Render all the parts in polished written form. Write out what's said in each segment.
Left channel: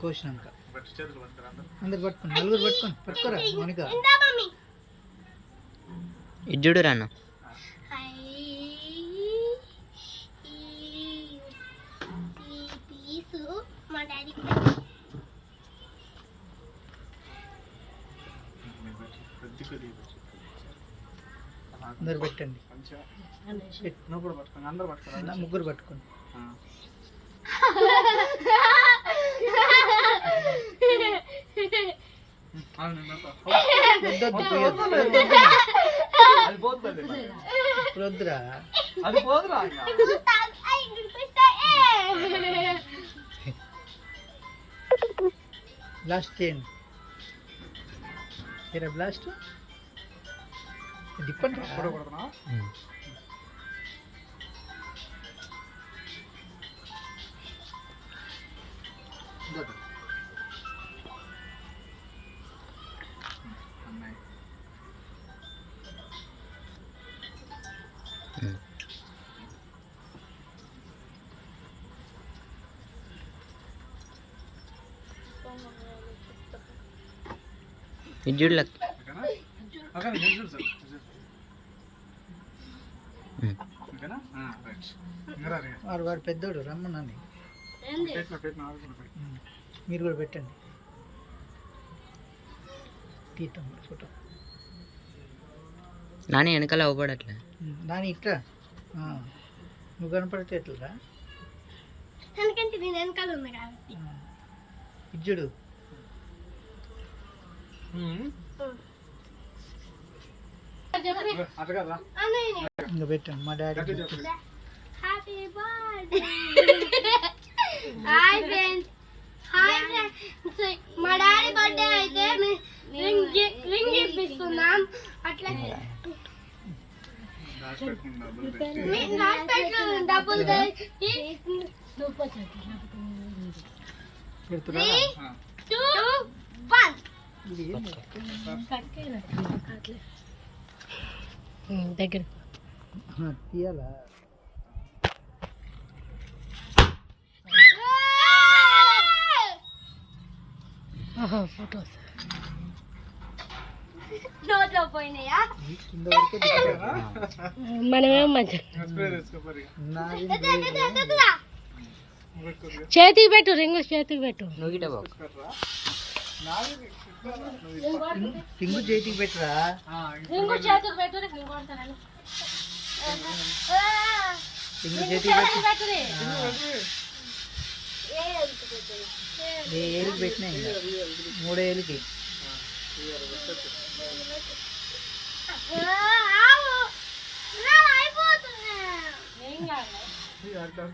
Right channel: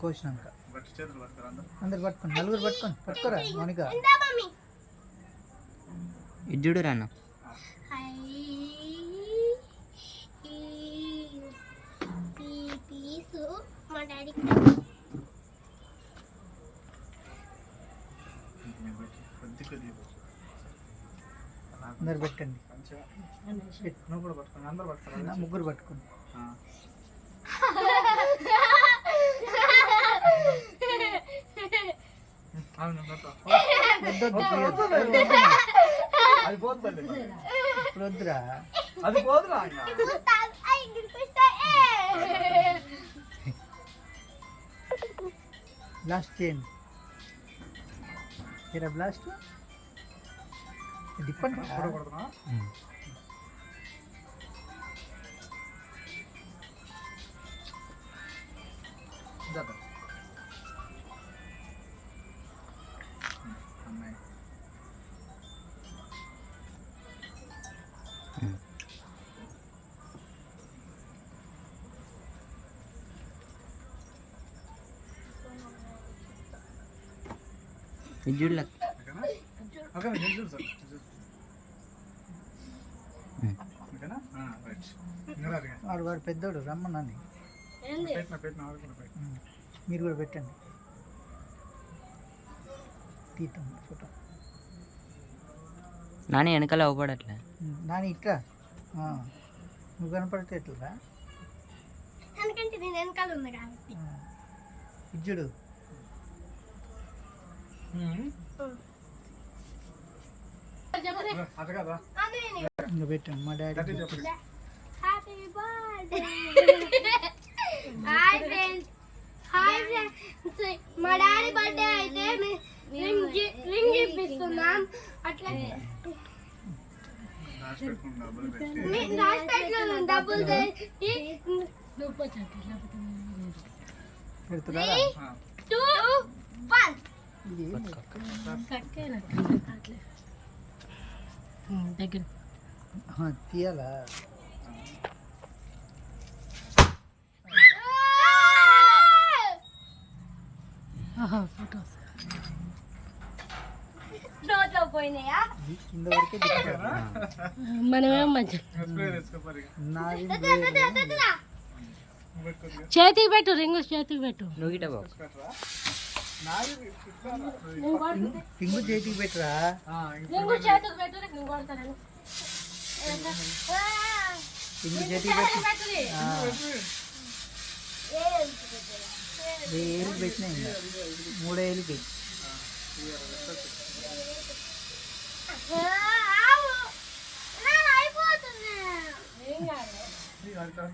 కోసినాక అందరు పట్టుకోండి, నలుగురు పట్టుకోరా మౌనిక. ఇజ్జుడు రాన్న అందరు పెట్టండి, ముగ్గురు పట్టుకోండి. వద్దురా, బ్లాస్ట్ చేయండి. బ్లాస్ట్ డిప్పండి. ఇజ్జుడు వాడు పెద్దోడు రమ్మన్నాను. మీరు కూడా పెట్టండి. తీద్దాం ఫోటో. నాని వెనకాల అవ్వబడట్లే. నాని ఇట్లా నువ్వు కనపడితే ఎట్లా ఇజ్జుడు. ఇంకా పెట్టండి మా డాడీ. మా డాడీ బర్త్డే అయితే రింగ్ ఇప్పిస్తున్నాం. అట్లా డబ్బులు దగ్గర తీయాలా? ఫోటోస్ నోట్లో పోయినాయా? మనమేం మంచి చేతికి పెట్టు, రింగు చేతికి పెట్టు. రింగు చేతికి పెట్టరా? రింగు చేతికి పెట్టు. రింగు చేతికి పెట్టు. ఏళ్ళు పెట్టినాయి, 3 ఏళ్ళకి.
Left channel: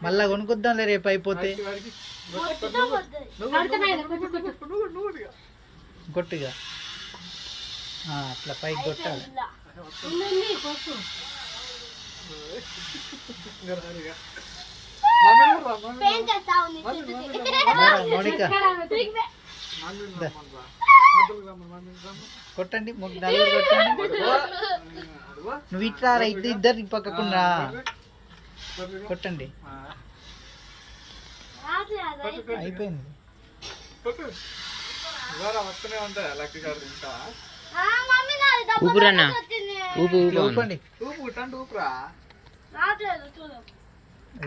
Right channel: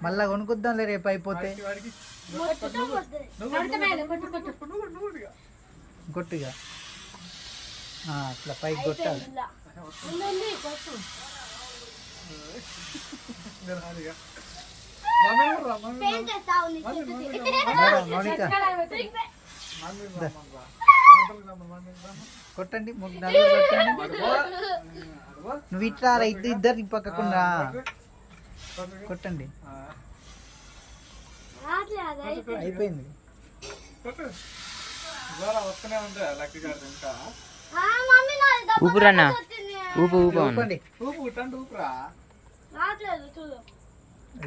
మళ్ళా కొనుక్కుందాంలే రేపు అయిపోతే. కొట్టుగా అట్లా పైకి కొట్టాలి. మౌనిక కొట్టండి, 4 కొట్టండి. నువ్వు ఇట్లా ఇద్దరు పక్కకుండా కొట్టండి. అయిపోయింది. ఊపురన్నా, ఊపు ఊపండి. ఊపురా.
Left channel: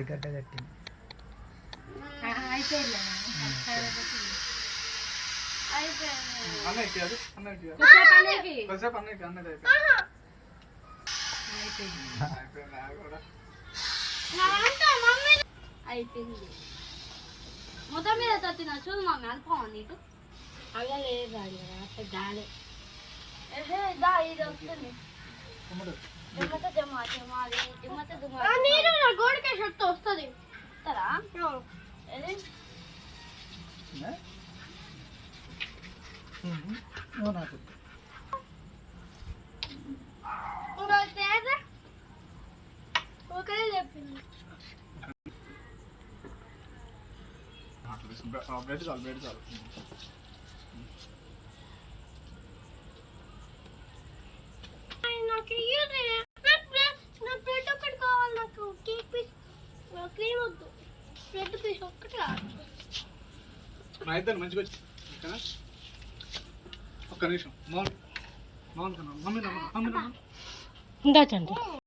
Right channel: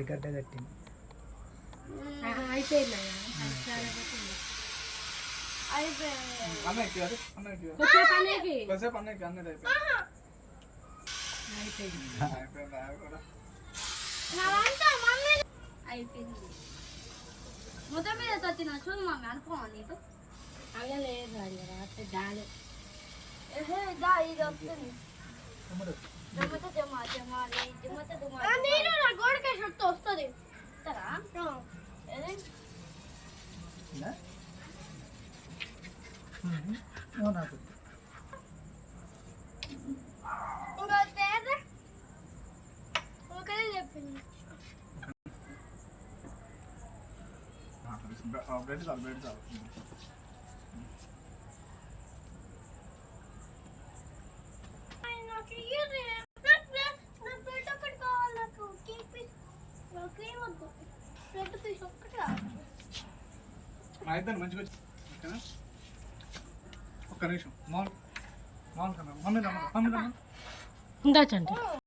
గడ్డ కట్టింది. అయిపోయింది మొత్తం మీద తత్తిన చూడు మమ్మీ అనుకోమా నీకు అలా లేదు అట్లా గాలే దా ఇది వస్తుంది జమత జమా జమాలి జమత జమా నేను నా గోడకే షర్ట్ వస్తుంది ఇస్తారా బ్రెడ్ చాలు బ్రెడ్ చాలు. నాకు నా ప్లేట్ ఒక్కటి కావాలి. నాకు కేక్ పీస్ క్రీమ్ వద్దు. ప్లేట్ పీస్ ఒక్కటి కావాలి. మా ఇద్దరు మంచిగా వచ్చి ఓకేనా? ఒక్క నిమిషం మౌన్ మౌన్ కన్నా మమ్మీ ఇందాచండి